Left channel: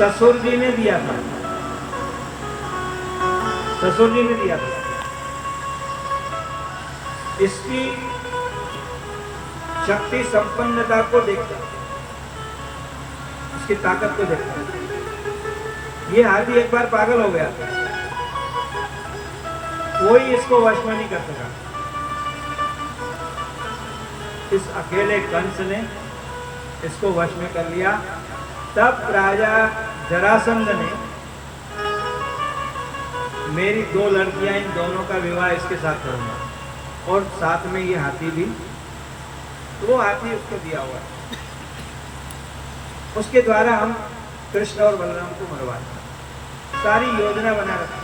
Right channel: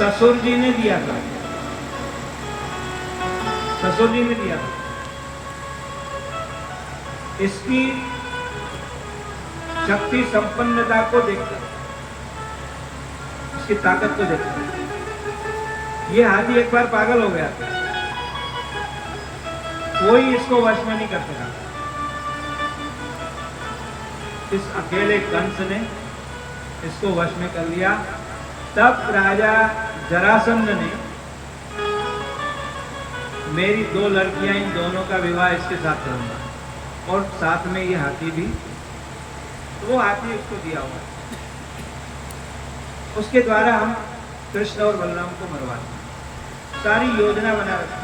ससुर जी ने दिया था, ससुर जी ने दिया था। इसकी शक्ति संपन्नता को देखता, उसकी ताकत को देखता। ये हाथी एक बार पागल हो गया, कोई इसको वश में नहीं कर सका। इस अकेले कंस ने इसको वश में कर लिया। तब राजा जरासंध ने मेरी 2 लड़कियां, इन दोनों का विवाह इसके साथ करूंगा और साथ में ये हाथी भी। तो वो हाथी उसको दिया हुआ, उसके द्वारा हम कृष्ण और बलराम को मरवाते। सारी योजना बना रखी।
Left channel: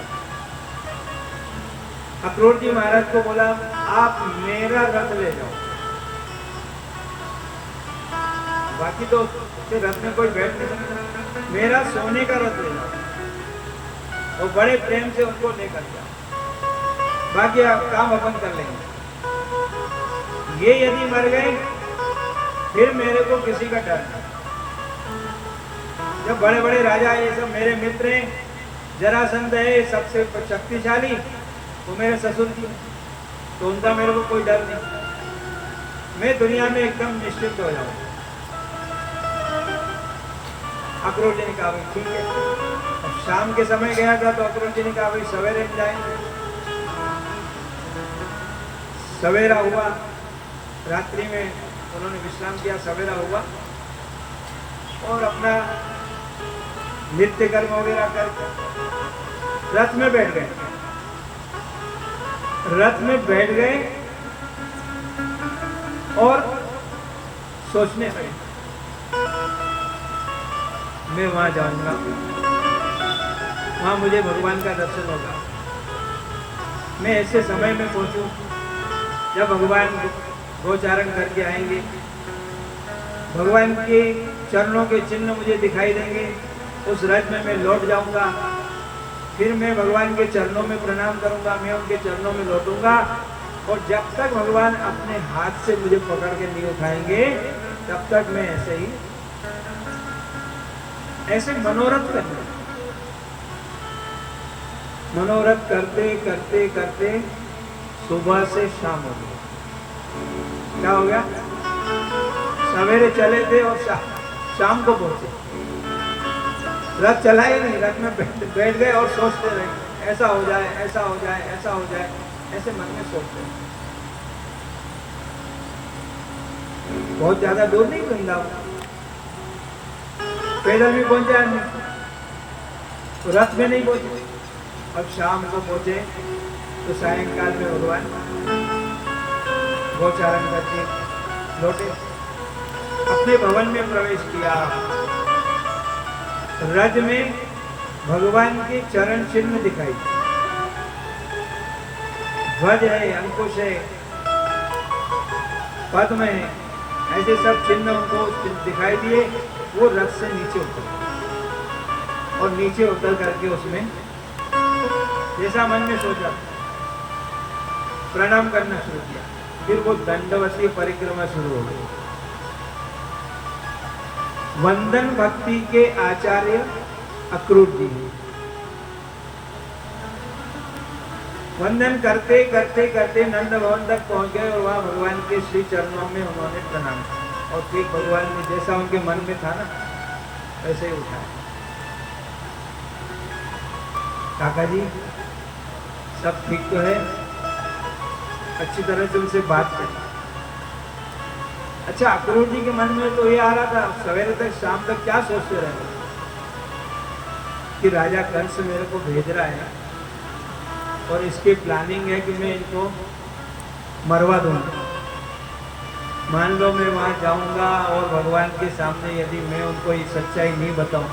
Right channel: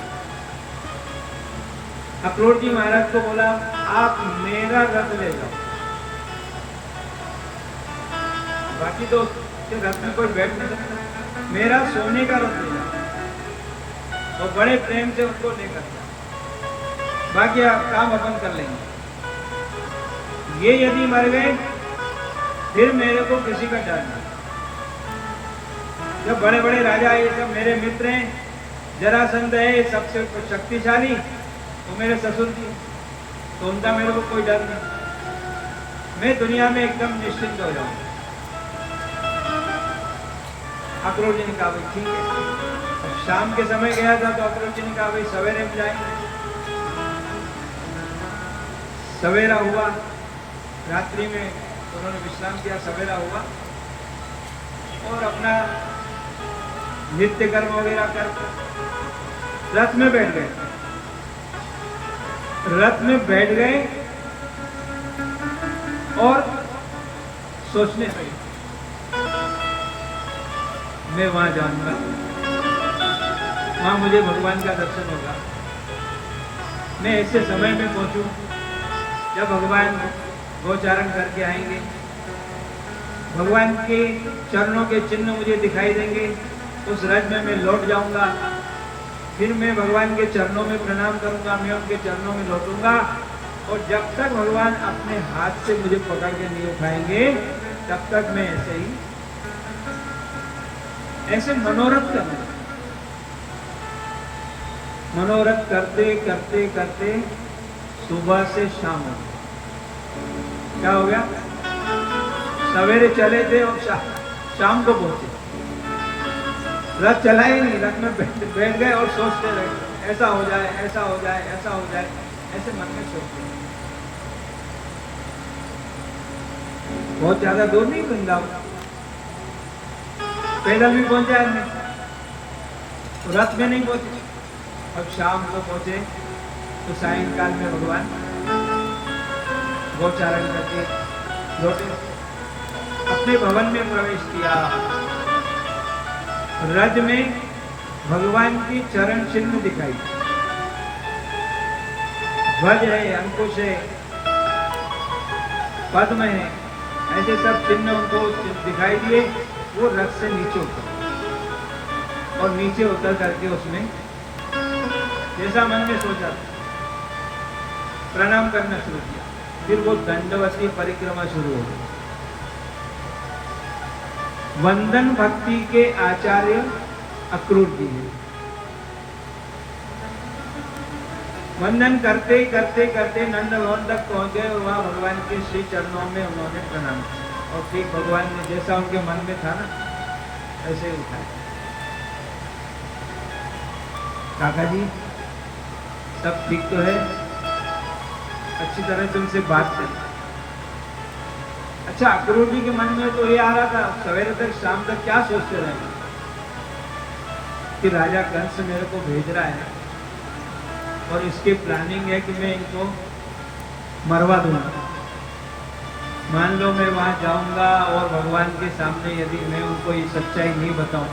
अक्रूर जी महाराज को बोला, आप मेरा रथ ले जाओ, बाकी तो रथ में कोई बैठ नहीं सकता, मेरा सोने का रथ ले जाओ और बड़े प्रेम से उसको लेकर जाओ, बाकी काम अपन कर लेंगे। ये यदि मर गए फिर मेरे को किसी का डर नहीं। जब बड़े बड़े राजा, ये सब मेरे मित्र हैं, जरासंध है सबसे शक्तिशाली, वो मेरे ससुर जी, तो उनका मेरे को कोई डर नहीं, मैं दुनिया में एकदम निश्चिंत हो जाऊं। अक्रूर जी ने कहा ठीक है। अब शाम के समय गया था तो अक्रूर जी ने कहा भाई सवेरे में जाएंगे। सवेरा हुआ, रात्रि में उन्होंने विश्राम किया, सवेरा हुआ और अपना नित्य कर्म वगैरह कर रथ में बैठ गए। रथ में बैठ गए और सोचने लगे, मैं वहां जाऊंगा, वहां मुझे भगवान का दर्शन होगा। मैं ऐसे समय में पहुंचूं जब भगवान गोचारण करके आएंगे, भगवान के चरणों के चिन्ह मुझे दिखाई देंगे। उस रथ में मैं लौट जाऊंगा, फिर मैं भगवान के चरणों में प्रणाम करूंगा, मैं उनके चरणों में लौटूंगा और जब तक भगवान अपने हाथ से मुझे पकड़ के नहीं उठाएंगे तब तक मैं ऐसे मनोरथ करना। मनोरथ करते करते करते सुबह से शाम हो गई। क्या हो गया? सवेरे चले थे और शाम को पहुंचे। रथ चला ही नहीं, रथ में बैठ गए और सोचते रहे, ऐसा हो जाए, ऐसा हो जाए, ऐसा हो जाए, ऐसे मन में सोचते रहे। बहुत ज्यादा दूर नहीं वृंदावन, पैदल भी पहुंचा है, रथ में नहीं पहुंचे। अब शाम को पहुंचे तो सायंकाल में भगवान गोचारण करके लौटे, अपने भवन में प्रवेश किया। रथ में भगवान के चरण चिन्ह दिखाई, ध्वज है, अंकुश है, पद्म है, ऐसे सब चिन्ह उनको दिखाई दिए। वो रथ से नीचे उतर और नीचे उतर करके उसमें जैसा मन में सोचा प्रणाम करना शुरू किया। फिर वो दंडवतीय परिक्रमा शुरू हो गई। वंदन भक्ति के आचार्य अक्रूर जी, वंदन करते करते करते नंद भवन तक पहुंच गए और वहां भगवान के श्री चरणों में उन्होंने प्रणाम किया और ठीक भगवान ने जैसा उनके मन में था ना वैसे ही उठाया। काका जी सब ठीक तो है? अच्छी तरह से उनसे बात करें। अच्छा, अक्रूर जी के मन में तो ये आ रहा था, सवेरे तक शाम तक क्या सोचते रहे कि राजा कंस मेरे को भेज रहा है और इसकी प्लानिंग है कि मैं इनको मरवा दूंगा। मान लो मैं वहां जाऊंगा और भगवान के सामने यदि मैं उनको ये सच्चाई नहीं बताऊं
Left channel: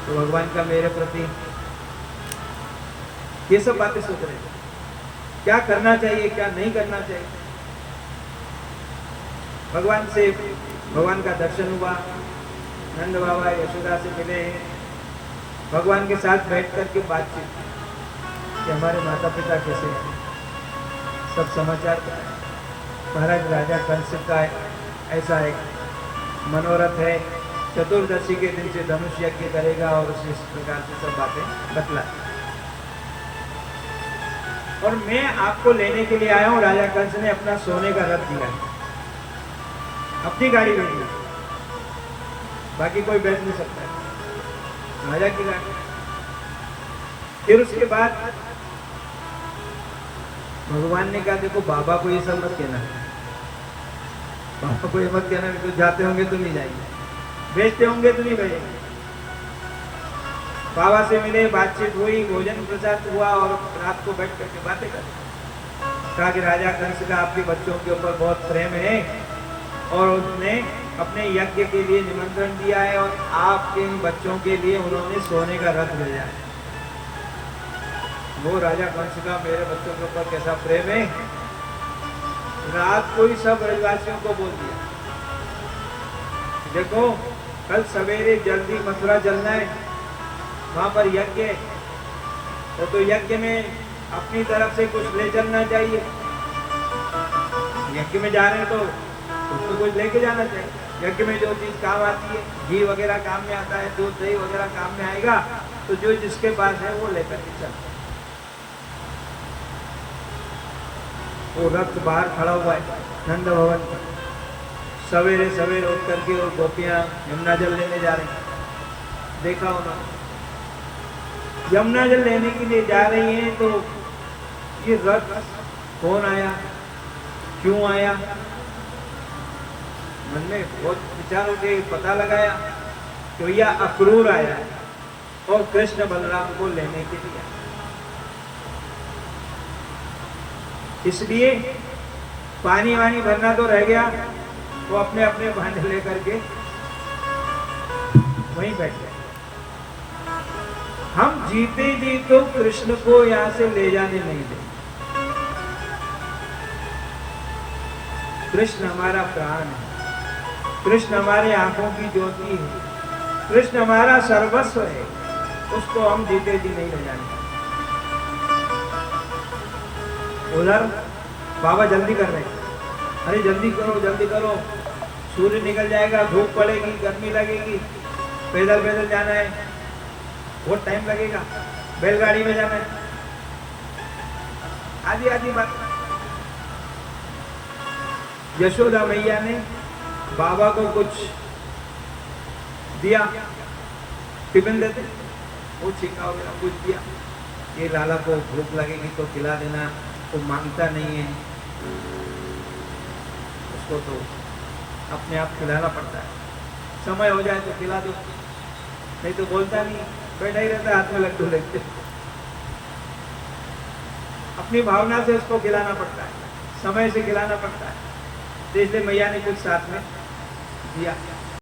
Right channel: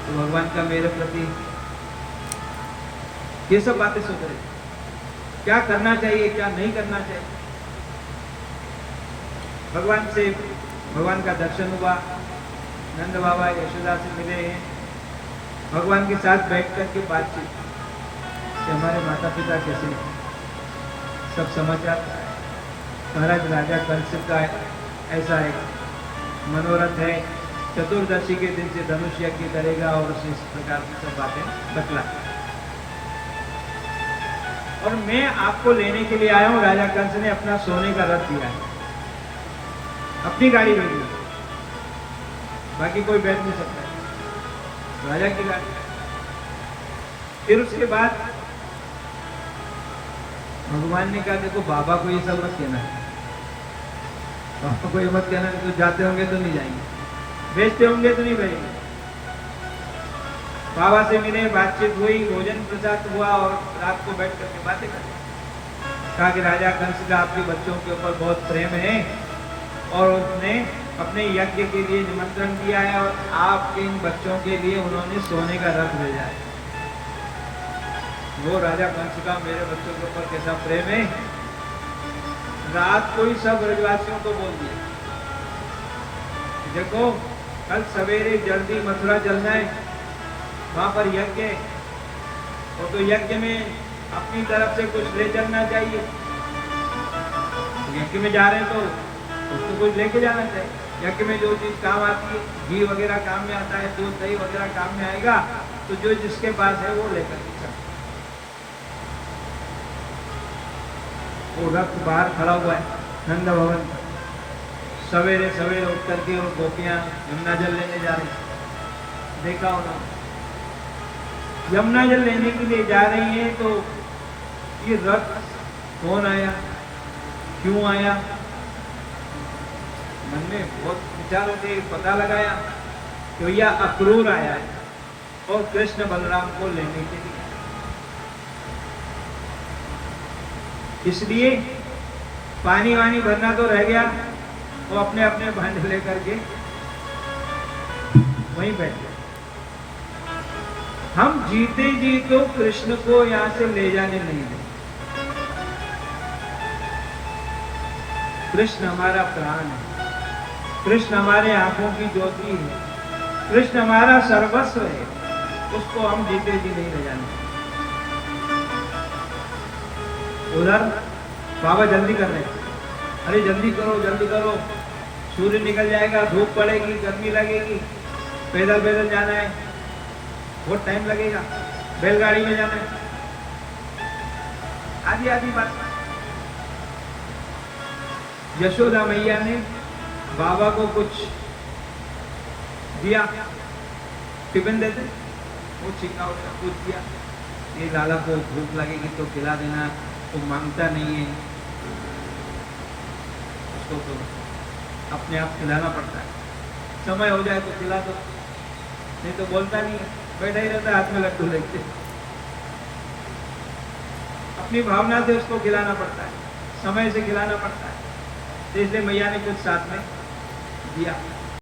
तो भगवान का मेरे प्रति, ये सब बातें सोच रहे, क्या करना चाहिए क्या नहीं करना चाहिए। भगवान से, भगवान का दर्शन हुआ, नंद बाबा यशोदा से मिले हैं, भगवान के साथ बैठ कर के बातचीत कि हमारे माता पिता कैसे, सब समाचार। महाराज राजा कंस का ऐसा है मनोरथ है, चतुर्दशी के दिन से धनुष यज्ञ करेगा और उसे इस प्रकार की सब बातें बतला। और मैं आपको लेने के लिए आया हूँ। राजा कंस ने अपना सोने का रथ दिया है, अपनी गाड़ी भेजी, बाकी कोई बैठ नहीं सकता, राजा की गाड़ी। फिर उसके बाद भगवान ने कहा देखो बाबा को ये सब मत कहना, बाबा को ये मत कहना, कोई जाते होंगे तो नहीं जाएंगे, बेचते होंगे तो नहीं भेजेंगे। बाबा से मिले, बातचीत हुई, भोजन प्रसाद हुआ और रात को बैठ कर बातें कर। कहा कि राजा कंस का आपके बच्चों के ऊपर बहुत प्रेम है और उसने अपने यज्ञ के लिए निमंत्रण दिया है और आपके इन बच्चों के लिए उन्होंने सोने का रथ भेजा है। वो राजा कंस का मेरे बच्चों के ऊपर कैसा प्रेम है। रात को ही सब ब्रजवासियों को बोल दिया, देखो कल सवेरे जल्दी मथुरा चलना है, वहां पर यज्ञ है, और तो यज्ञ में अपनी तरफ से कुछ ले चलना चाहिए। यज्ञ में जा रहे हैं तो उसको कुछ लेके जाना चाहिए। यज्ञ में जो चीज काम आती है, घी वगैरह काम में आता है, दूध दही वगैरह काम में आएगा, तो जो जिसके पास है वो लेकर के चल। वो रथ बाहर खड़ा हुआ है नंद भवन, सवेरे सवेरे उठ करके और गोपियां यमुना जल लेने जा रहे हैं। देखा उन्होंने यमुना जल लेने के लिए जा रही हैं, तो ये रथ कौन आया, क्यों आया, मन में बहुत विचार होते, पता लगाया तो यह अक्रूर आया है और कृष्ण बलराम को लेने के लिए। इसलिए पानी वानी भरना तो रह गया, वो अपने अपने भांडे लेकर के वहीं बैठ गए। हम जीते जी तो कृष्ण को यहां से ले जाने नहीं दें। कृष्ण हमारा प्राण है, कृष्ण हमारे आंखों की ज्योति है, कृष्ण हमारा सर्वस्व है, उसको हम जीते जी नहीं ले जाएंगे। उधर बाबा जल्दी कर रहे हैं, अरे जल्दी करो, सूर्य निकल जाएगा, धूप पड़ेगी, गर्मी लगेगी, पैदल पैदल जाना है, बहुत टाइम लगेगा, बैलगाड़ी में जाना है, आधी आधी बात। यशोदा मैया ने बाबा को कुछ दिया, टिफिन देते, वो छिका कुछ दिया, ये लाला को भूख लगेगी तो खिला देना, वो मांगता नहीं है, उसको तो अपने आप खिलाना पड़ता है, समय हो जाए तो खिला दो, नहीं तो बोलता नहीं, बैठा ही रहता, हाथ में लड्डू लेते। अपनी भावना से उसको खिलाना पड़ता है, समय से खिलाना पड़ता है, इसलिए मैया ने कुछ साथ में दिया।